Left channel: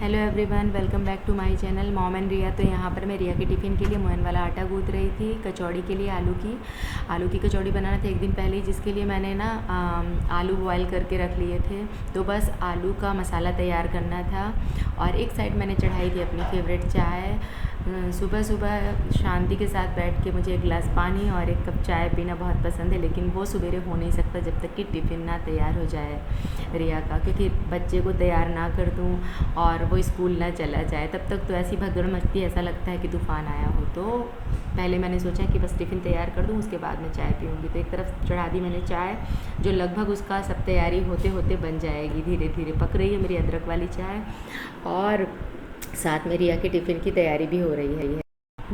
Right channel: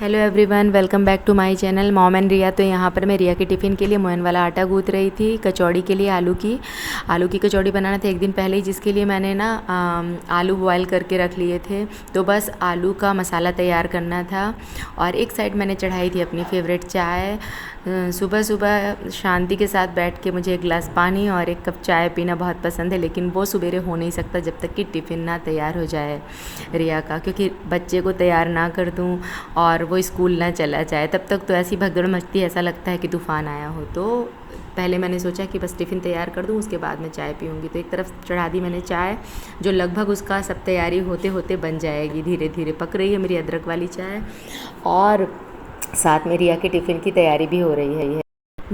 Hello everyone, welcome back to my channel mom and Riya. तो यहाँ पर मैं रिया के टिफ़िन के लिए मोहन वाला आटा गूँथ रही थी। कचौड़ी के लिए आलू की कचौड़ी बनाना था एक दिन पहले ही, जिसके लिए मैंने ना आलू बॉयल करके रख लिए थे। तो बस आलू का मसाला तैयार करना था। और एक साइड मैंने चढ़ाई थी अपनी फेवरेट चाय। सुबह सुबह शांति के साथ बैठ के मुझे एक गिलास पानी और एक कप चाय पीना बहुत पसंद है, लेकिन वो सवेरे हो नहीं सकता जब तक कि टिफ़िन ना तैयार हो जाए रिया का, क्योंकि बच्चे को तैयार ना कर दूँ और वो स्कूल ना चला जाए तब तक तो ऐसी भगदड़ मचती है, ऐसा लगता है कि तूफ़ान आया हो। तो पहले मैंने सोचा कि बस टिफ़िन तैयार कर दूँ, उसके बाद मैं चाय पीऊँगी। तो एक तरफ चढ़ा दी मैंने चाय, जो लगभग उसका सब तैयारी होते होते बन जाएगी। धीरे धीरे पक रही है मेरी अदरक वाली चाय, और साथ में रिया के टिफ़िन की तैयारी भी हो रही है।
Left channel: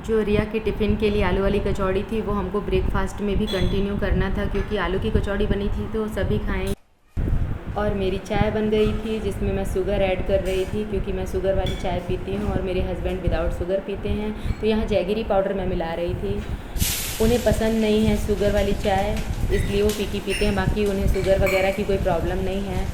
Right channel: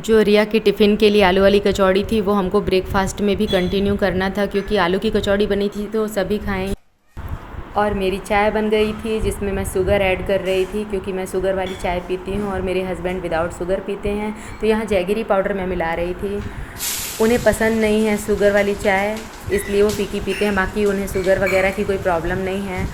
जो रिया के टिफ़िन के लिए आलू वाली कचौड़ी थी वो हमको ब्रेकफास्ट में भी कंटिन्यू करना था, क्योंकि आलू की कचौड़ी बनी थी तो सभी खाएंगे। और मेरी चाय बन गई थी जिसमें मैं शुगर ऐड कर रही थी, क्योंकि मैं शुगर वाली चाय पीती हूँ और मेरे हस्बैंड विदाउट शुगर पीते हैं। तो यहाँ जैगरी पाउडर मैं मिला रही थी। उन्हें पसंद नहीं है शुगर वाली चाय, इसलिए वो फीकी पीते हैं। बाकी उन्हें शुगर वगैरह की कोई प्रॉब्लम नहीं है।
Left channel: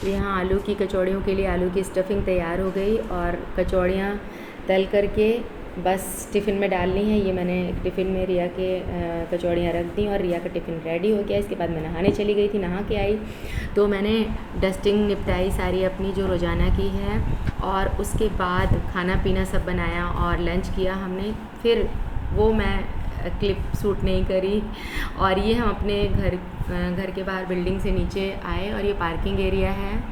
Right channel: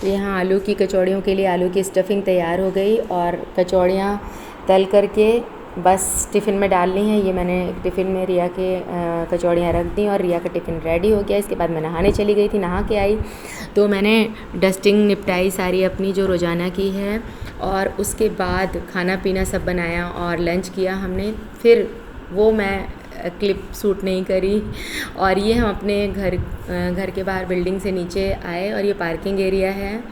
तो यहाँ आलू की कचौड़ियों के लिए आलू की स्टफिंग तैयार हो गई और कचौड़ियाँ तल करके बस टिफ़िन में डालनी है। ये मैंने टिफ़िन में रिया के कचौड़ियाँ रख दी और रिया का टिफ़िन रेडी हो गया। इसके बाद मैं नहाने चली गई थी। नहा के आई तो मैंने डस्टिंग निपटाई सारी अपनी जो रोज़ाना की है, और उसके बाद खाना पीना सब बनाया और लंच किया हमने। फिर वो मैं क्लिप शूट नहीं करी। और ये हम अपने घर के बाहर बिल्डिंग से नीचे आए, और ये पार्किंग एरिया है।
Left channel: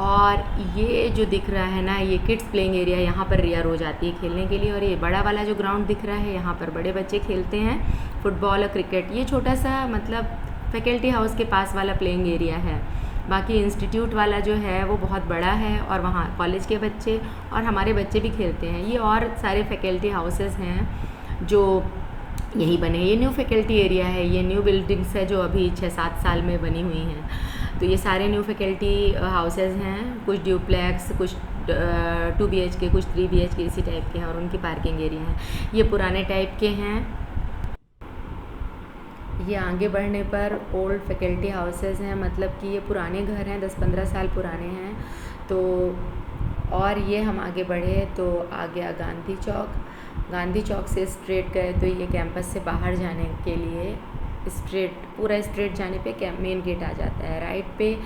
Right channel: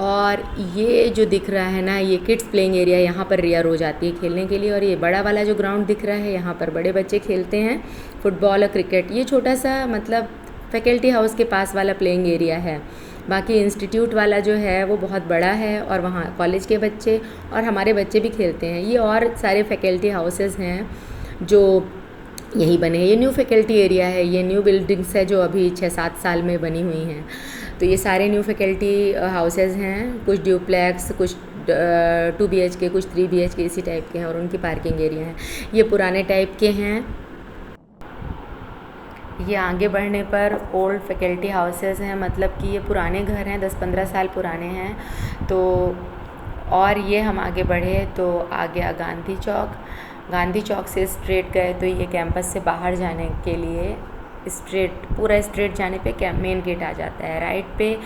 और ये जो दिख रहा है ना, ये किड्स प्लेइंग एरिया, यहाँ पर रिया रोज़ आती है खेलने के लिए। और ये बड़ा वाला जो ग्राउंड दिख रहा है, यहाँ पर बड़े बच्चे खेलते हैं फुटबॉल और क्रिकेट। ये छोटा सा मतलब फैकल्टी हाउस के पास वाला प्लेइंग एरिया है। बाकी इंस्टीट्यूट वाला जो है वो बहुत बड़ा है, और वहाँ कॉलेज के बच्चे और हमारे बच्चे भी खेलते हैं। ये और सारे फैकल्टी हाउसेस हैं जो यही बने हैं। ये न्यू फैकल्टी एरिया है, ये न्यू बिल्डिंग्स है जो अभी 6-7 साल में बनी हुई हैं। तो ये सारे न्यू फैकल्टी हाउसेज हैं, कुछ ड्यूप्लेक्स, कुछ 2 BHK, कुछ 3 BHK इसी टाइप के हैं, और उनकी पार्किंग एरिया हैं। ये पुराने टाइप के हैं। ये आगे बढ़ने पर ओल्ड फैकल्टी हाउसेस हैं, मतलब कि ये पुराने घर हैं, 10-15 साल पुराने हैं। तो और ये हम आगे बढ़े तो आ गया गांधी चौक से स्ट्रेट गए तो ये कैंपस से बाहर जाने के लिए पूरा स्ट्रेट जाने पे मेन गेट आ जाता है। राइट पे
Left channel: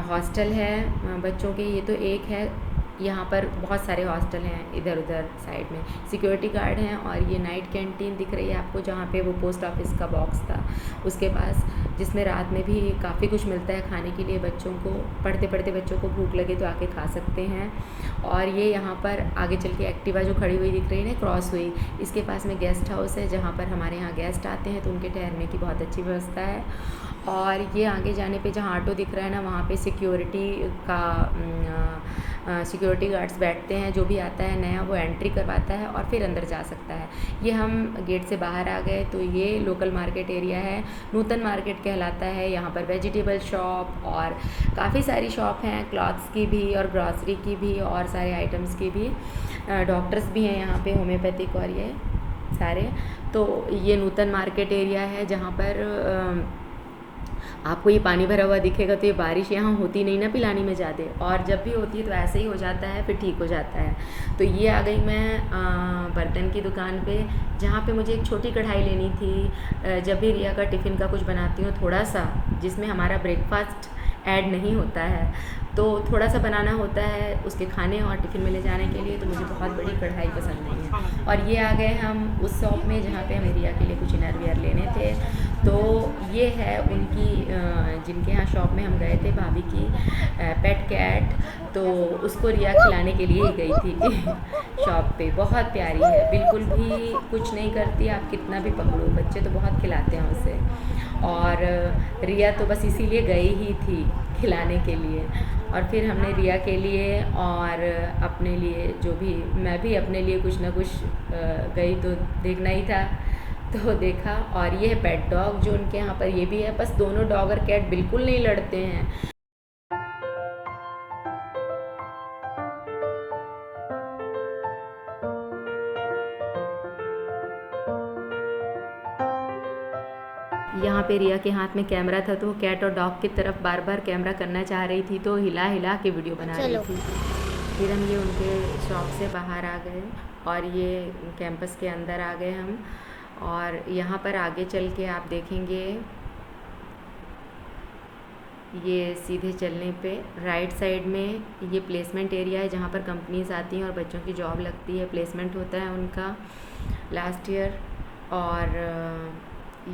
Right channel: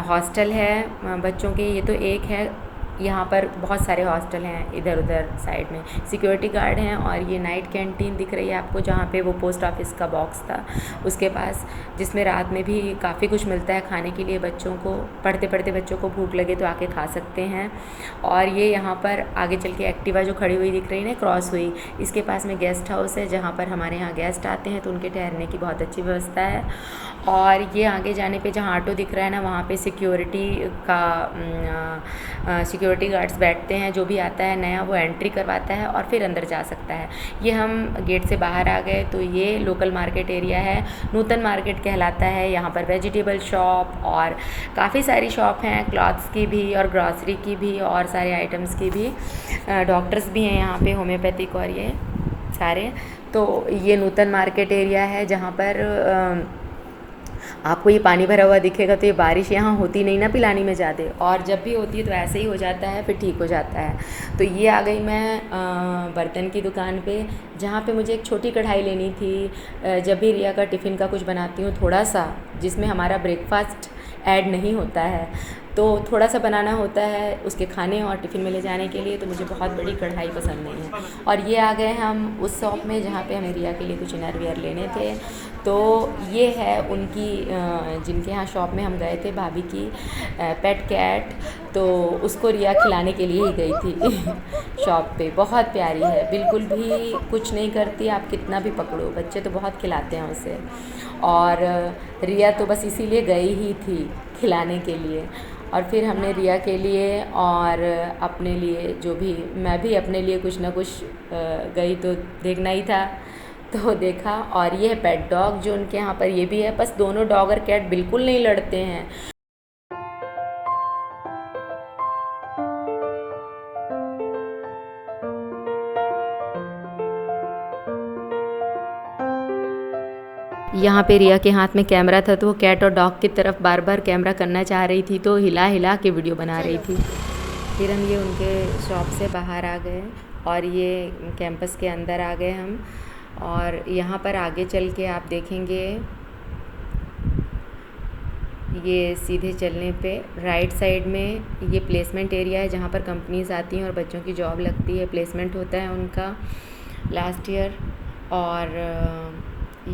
हॉस्टल है बच्चों के, ये तो एक है। यहाँ पर बहुत सारे हॉस्टल हैं इधर उधर साइड में, सिक्योरिटी गार्ड हैं। और ये नाइट कैंटीन दिख रही है आपको, जहाँ पे वो पोस्ट ऑफिस का बॉक्स था उसके पास, जिसमें रात में भी काफ़ी कुछ मिलता है खाने के लिए। बच्चों को पढ़ते पढ़ते बच्चों को भूख लगे तो आके खा सकते हैं। और ये यहाँ पर आगे चल के एक्टिवा जो खड़ी हुई दिख रही है ना, क्रॉस हुई, इसके पास में गेस्ट हाउस है, जहाँ पर हमारे यहाँ गेस्ट आते हैं तो उनके ठहरने की बहुत अच्छी व्यवस्था है। और ये आगे जाने पे जहाँ ऑटो दिख रहा है ना, वहाँ पे सिक्योरिटी गार्ड्स बैठते हैं। जो भी आता है नया वो एंट्री करवाता है और फिर अंदर जा सकता है। ये हम गेट से बाहर आ गए तो ये लोकल मार्केट एरिया है, नूतन मार्केट कहलाता है। यहाँ पर वेजिटेबल शॉप और काफ़ी सारी शॉप हैं, क्लॉथ्स की भी और ग्रॉसरी की भी और सारे आइटम्स की भी। डॉक्टर्स भी हैं यहाँ पे, होम्योपैथिक और ये सारे। तो ये नूतन मार्केट एरिया है, जहाँ पर आपको ये पानी भरा हुआ दिखेगा। तो ये बारिश यहाँ होती नहीं ना पिलानी में ज़्यादा, और जब भी होती है तो ऐसे ही हो जाता है, फिर ठीक हो जाता है। तो ये आ गई मैं बर्तन की दुकान पे, जहाँ पे मुझे एक छोटी कढ़ाई लेनी थी। जब भी रिया का टिफ़िन का कुछ बनाती हूँ थोड़ा सा, जिसमें हमारा ब्रेकफास्ट ऐड नहीं होता है, तो थोड़ा सा बनाना होता है उसके खाने और टिफ़िन में ले जाने के लिए, तो मुझे बहुत बड़ी कढ़ाई पसंद नहीं है। और ये आ गए हम उस शॉप में जहाँ पे हमें रिया के लिए कुछ इनर वियर लेने थे। तो ये है उनकी जिनके यहाँ शॉप में हम गए थे, भाभी की पेट कैट। तो उसको रिया खिलाने के लिए ही गई थी शॉप पे। बहुत प्यारी है, बिल्कुल भी कुछ नहीं करती, आप कितना भी पकड़ो। बच्चे तो बहुत खिलाते हैं उसे, और रिया तो बस इसीलिए गई ही थी खिलाने के लिए। और फिर हमने रिया के लिए और अपने लिए, जो भी मैं भी अपने लिए कुछ ना कुछ गई तो देखना ही था, तो देखा। और ये है पेट डॉग जो उनके यहाँ पर ये भी है। बस दोनों डॉग और कैट बिल्कुल नहीं लड़ते हैं। यहाँ पे रिया के हाथ में कैमरा था, तो वो कैट और डॉग की तरफ बार बार कैमरा करना चाह रही थी, तो हिला हिला के वीडियो बना रही थी। फिर हम ये उनके शॉप से बाहर आ गए और ये कैंपस के अंदर आ गए हम। और यहाँ पर आगे चल के आप देखेंगे, ये सीधे चलने पे राइट साइड में ये प्लेसमेंट एरिया है जहाँ पर कंपनीज़ आती हैं और बच्चों की जॉब लगती है, प्लेसमेंट होता है उनका लास्ट ईयर। और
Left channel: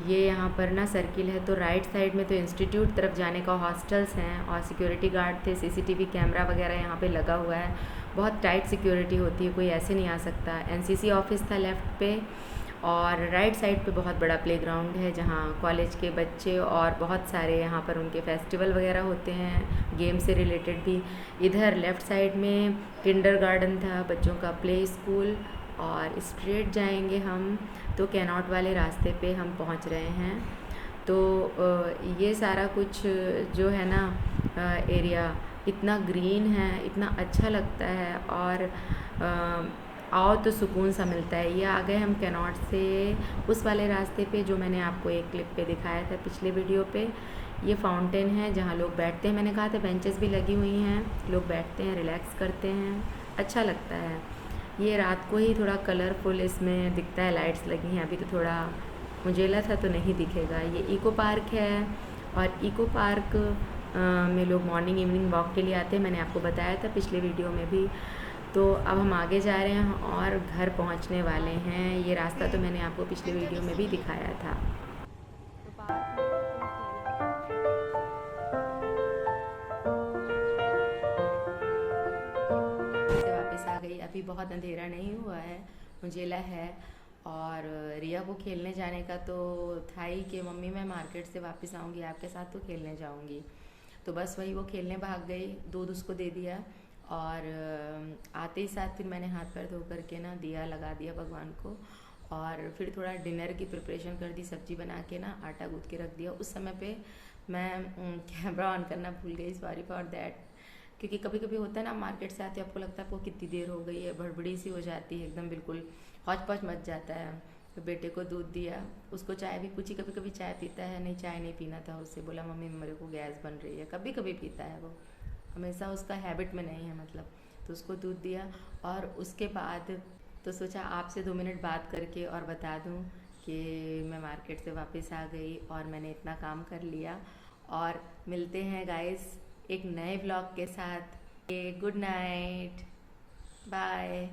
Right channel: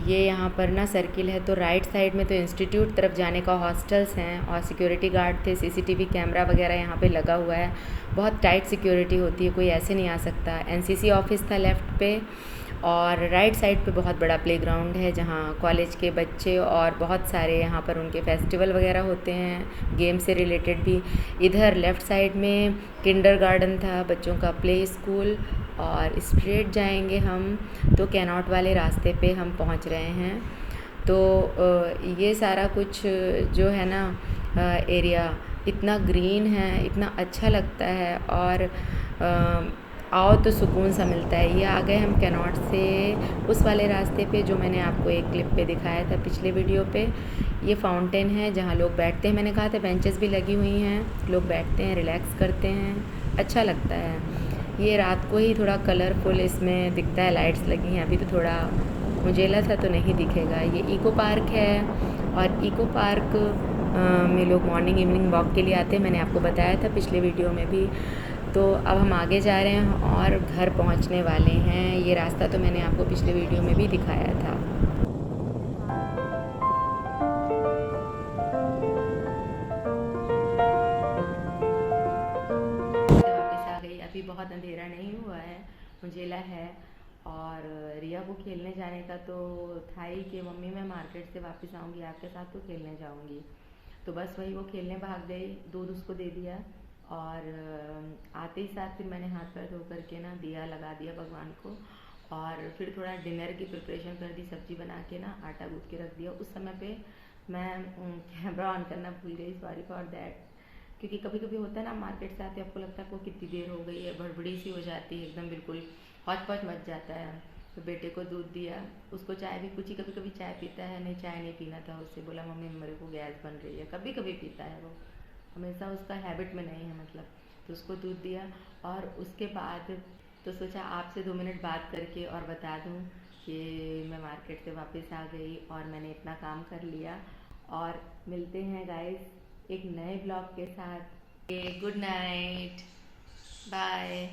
ये यहाँ पर ना सर्किल है, तो राइट साइड में तो इंस्टीट्यूट तरफ जाने का हॉस्टल्स हैं और सिक्योरिटी गार्ड थे, सीसीटीवी कैमरा वगैरह यहाँ पे लगा हुआ है। बहुत टाइट सिक्योरिटी होती है, कोई ऐसे नहीं आ सकता। एनसीसी ऑफिस था लेफ़्ट पे, और राइट साइड पे बहुत बड़ा प्लेग्राउंड है जहाँ कॉलेज के बच्चे और बहुत सारे यहाँ पर उनके फेस्टिवल वगैरह होते हैं, गेम से रिलेटेड भी। इधर लेफ़्ट साइड में किंडरगार्टन था, बच्चों का प्ले स्कूल। और स्ट्रेट जाएंगे हम तो कैनॉट वाले रास्ते पे हम पहुँच रहे हैं। तो ये सारा कुछ जो है ना एरिया इतना ग्रीन है, इतना अच्छा लगता है, और आओ तो सुकून सा मिलता है। ये आ गए हम कैनॉट से उस वाले रास्ते पे जो मैंने आपको एक क्लिप पे दिखाया था पिछले वीडियो पे। ये फाउंटेन है जहाँ लोग बैठते हैं, मैंने कहा था बेंचेस भी लगी हुई हैं, लोग बैठते हैं, रिलैक्स करते हैं, अच्छा लगता है। ये रात को ही थोड़ा कलरफुल इसमें दिखता है, लाइट्स लगी हैं। अभी तो थोड़ा उजेला था तो नहीं दिखेगा। ये इको पार्क है, और इको पार्क में लोग मॉर्निंग इवनिंग वॉक के लिए आते हैं, मैंने आपको बताया था पिछले वीडियो में भी। तो अब हम आगे जा रहे हैं और घर पहुंचने वाले हैं। ये रास्ता तो मैंने आपको पिछले वीडियो में भी दिखाया था। से वापस आ गई, अभी बहुत अंधेरा नहीं हुआ है, उजेला है। और रिया को खेलने जाने का तो था ही कि मम्मी मैं मार्केट से वापस आऊँगी आपके साथ तो खेलने जाऊँगी। तो बस वही वो खेलने भाग गई, दूध उसको दे दिया, और आते ही साथ फिर मैंने हाथ पैर धो करके ना दिया लगा दिया भगवान को, और फिर थोड़ा डिनर की प्रिपरेशन कर दी, सब्जी बना के ना आटा गूँथ के रख दिया। उस समय पे मैं कैमरा ऑन करना भूल गई, सॉरी फॉर दैट। क्योंकि कभी कभी होता है ना, मार्केट से आते आपको लगता है आपको कितनी देर हो गई है, भड़बड़ी सी हो जाती है, एकदम बिल्कुल हौच पौच मच जाता है। तो बेटे को दूध दिया, उसको चाय भी पूछी, कभी कभी चाय पीता है, नहीं चाय नहीं पीना था उससे, बोला मम्मी मेरे को गैस बन रही है, कभी कभी पीता है वो, हमेशा उसका हैबिट में नहीं है मतलब। तो उसको दूध दिया, और उसके बाद तो सोचा आपसे 2 मिनट बात करके और बता दूं कि मैं मार्केट से वापस आ गई और मैंने इतना काम कर लिया। और मिलते हैं गाइस एक नए ब्लॉग के साथ। Good night, bye.